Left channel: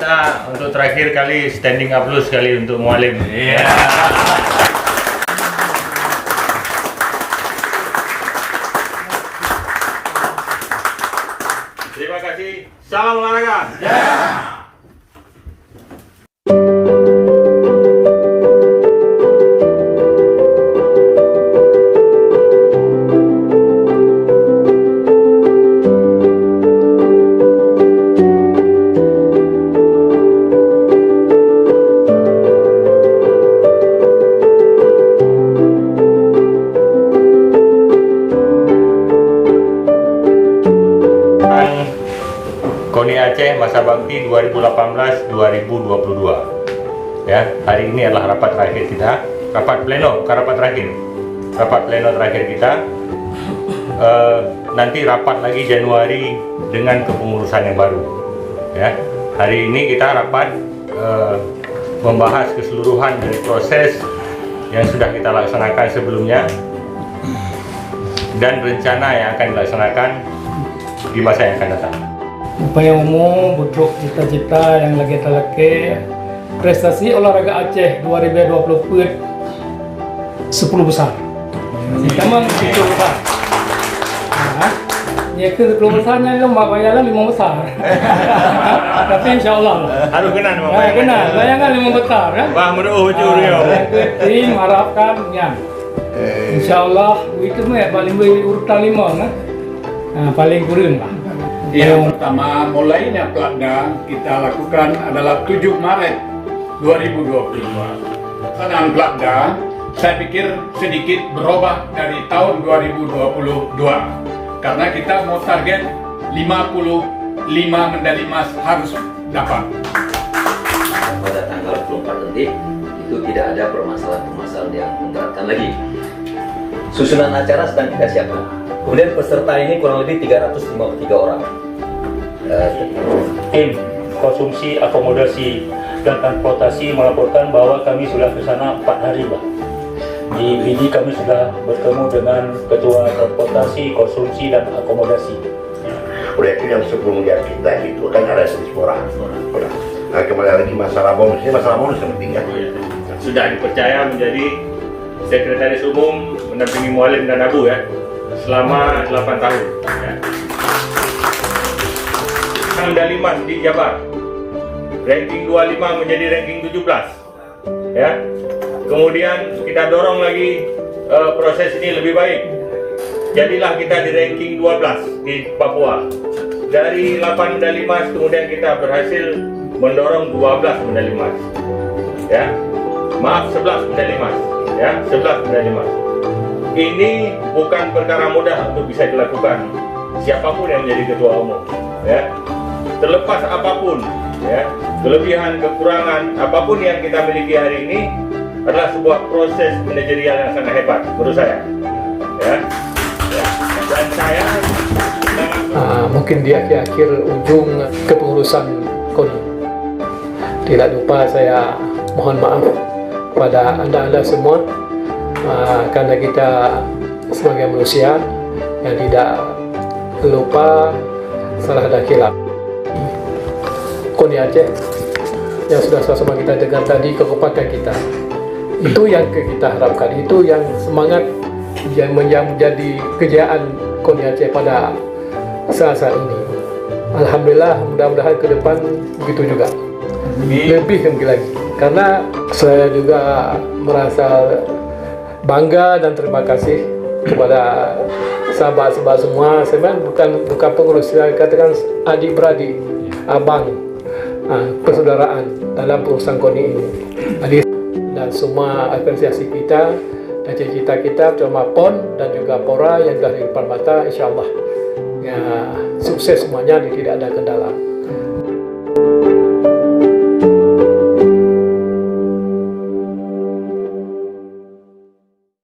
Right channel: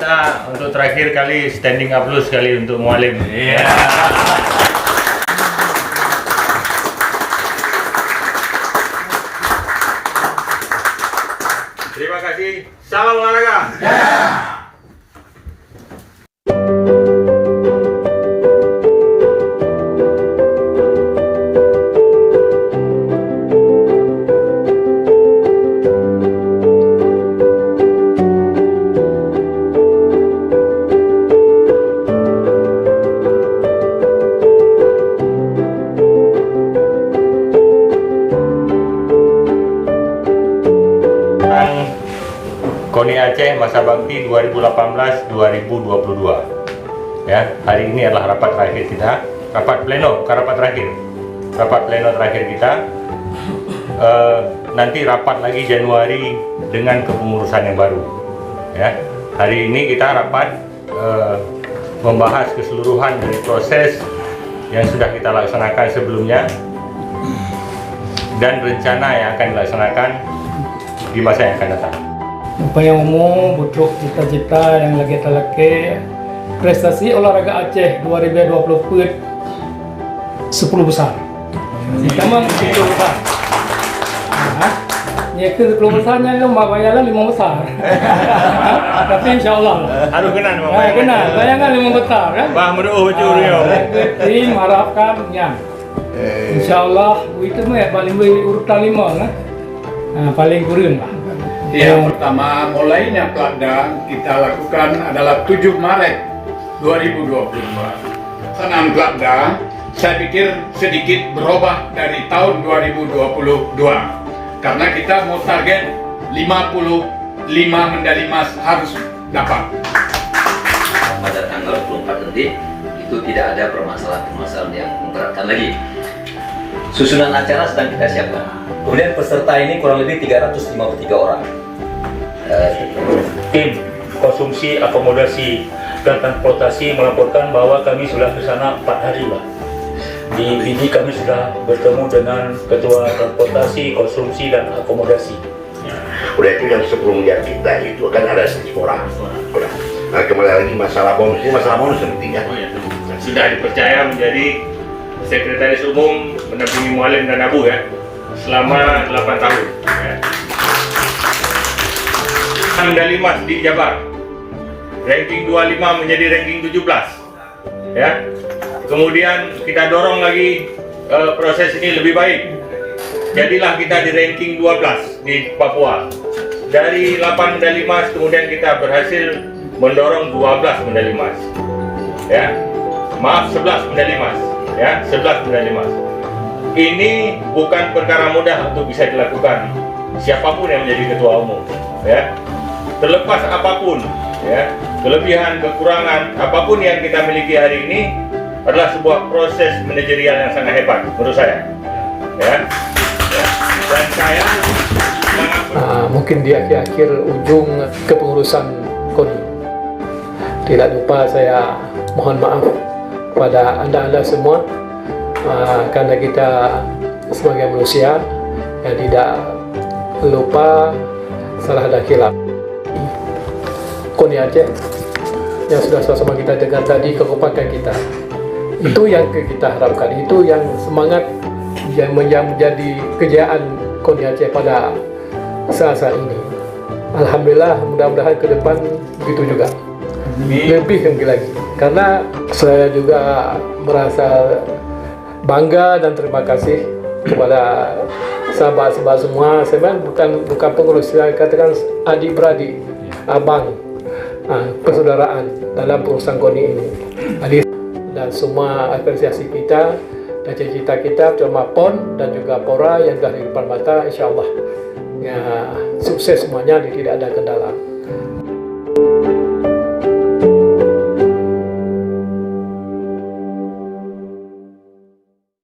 Kita untuk terakhir kali standing applause kali untuk Mualim. Terima kasih. Salam olahraga. KONI Aceh Masa Bakti 2018-2022. Ya, hari ini adalah rapat terakhir kita, rapat pleno terakhir kita. Nanti rapat lagi Januari dengan kepengurusan yang baru. Ya, hari ini kita rapat membahas keseluruhan dari proses yang sudah kita laksanakan sebelumnya dan rencana yang akan dilaksanakan di masa yang akan datang. Upaya umum butuh cita-cita yang lagi terleke prestasi olahraga Aceh 2020 10 besar. Kita mah 10 besar. Ya ke 10 besarnya lomba bayaran 5 besar. Tapi insyaallah lah. Harus kenal kenal. Bayangan 5 besar kan. Bah meruh curiyo. Tim harapkan ya. Insyaallah itu mah paling urutan 5 kan. Paling kurang lah. Yang pertama, mulainya Platda kita lakukan adalah 7 Maret 2022. Pelaksanaan Platda saya pikir sedikit berubah dari tahun 2022 karena kita mau target 55 medali emas harus dapat. Pada tanggal 24 nanti itu tidak ada permasalahan-permasalahan yang memberatkan lagi. Susunan acara sedang kita siapkan. Kemudian peserta ini kurang lebih 353 orang. Tim konsumsi, akomodasi, dan transportasi melaporkan bahwa kami sudah ke sana 4 hari, Pak. Di BD kami sudah bertemu dengan Ketua Transportasi, Konsumsi, dan Akomodasi. Udah itu yang 10 miliar kita itu kan ada diaspora. Udah. Nah, kembali lagi masalah bonus, ini masalah bonus yang penting ya. Sudah dipercaya menjadi Sekretaris Umum mendampingi Mualim dan Abu ya selama 8 tahun. Ya. Medali emas di Jabar, ranking 25 menjadi ranking 17. Ya. Kemudian kita dorong lagi proses ini lebih baik. Jadilah kita di ranking 12 di Papua. Dari 8 medali emas kemudian kita berhasil mendorong 12 medali emas. Ya. Maaf, 11 medali emas. Ya, 11 medali emas. Ini bukan perkara mudah untuk bisa dilakukan siapapun yang menjadi ketua umum. Ya. Terlepas apapun, ya, kelebihan, kekurangan, apapun yang kita miliki hari ini adalah sebuah proses manajerial yang sangat hebat menurut saya. Ya. Dan saya mungkin di akhir ujung kepengurusan KONI. Tidak lupa saya mohon maaf pada anda semua karena kita sebagai manusia yang tidak lupa salah dan khilaf. KONI Aceh yang sudah sama-sama kita dengar tadi, kekompakan kita itu yang kita harapkan, itu yang semangat yang menjadi kejayaan KONI Aceh pada saat ini. Alhamdulillah, mudah-mudahan ke depan begitu juga. Lebih lagi karena saya juga merasa bangga dan terima kasih kepada sahabat-sahabat semua. Saya bukan pengurus, saya katakan adik-beradik, abang, persaudaraan dalam perusahaan KONI ini. Dan semua apresiasi kita dan cita-cita kita terutama PON dan juga PORA yang sudah di depan mata, insya Allah ya, sukses semuanya, tidak ada kendala.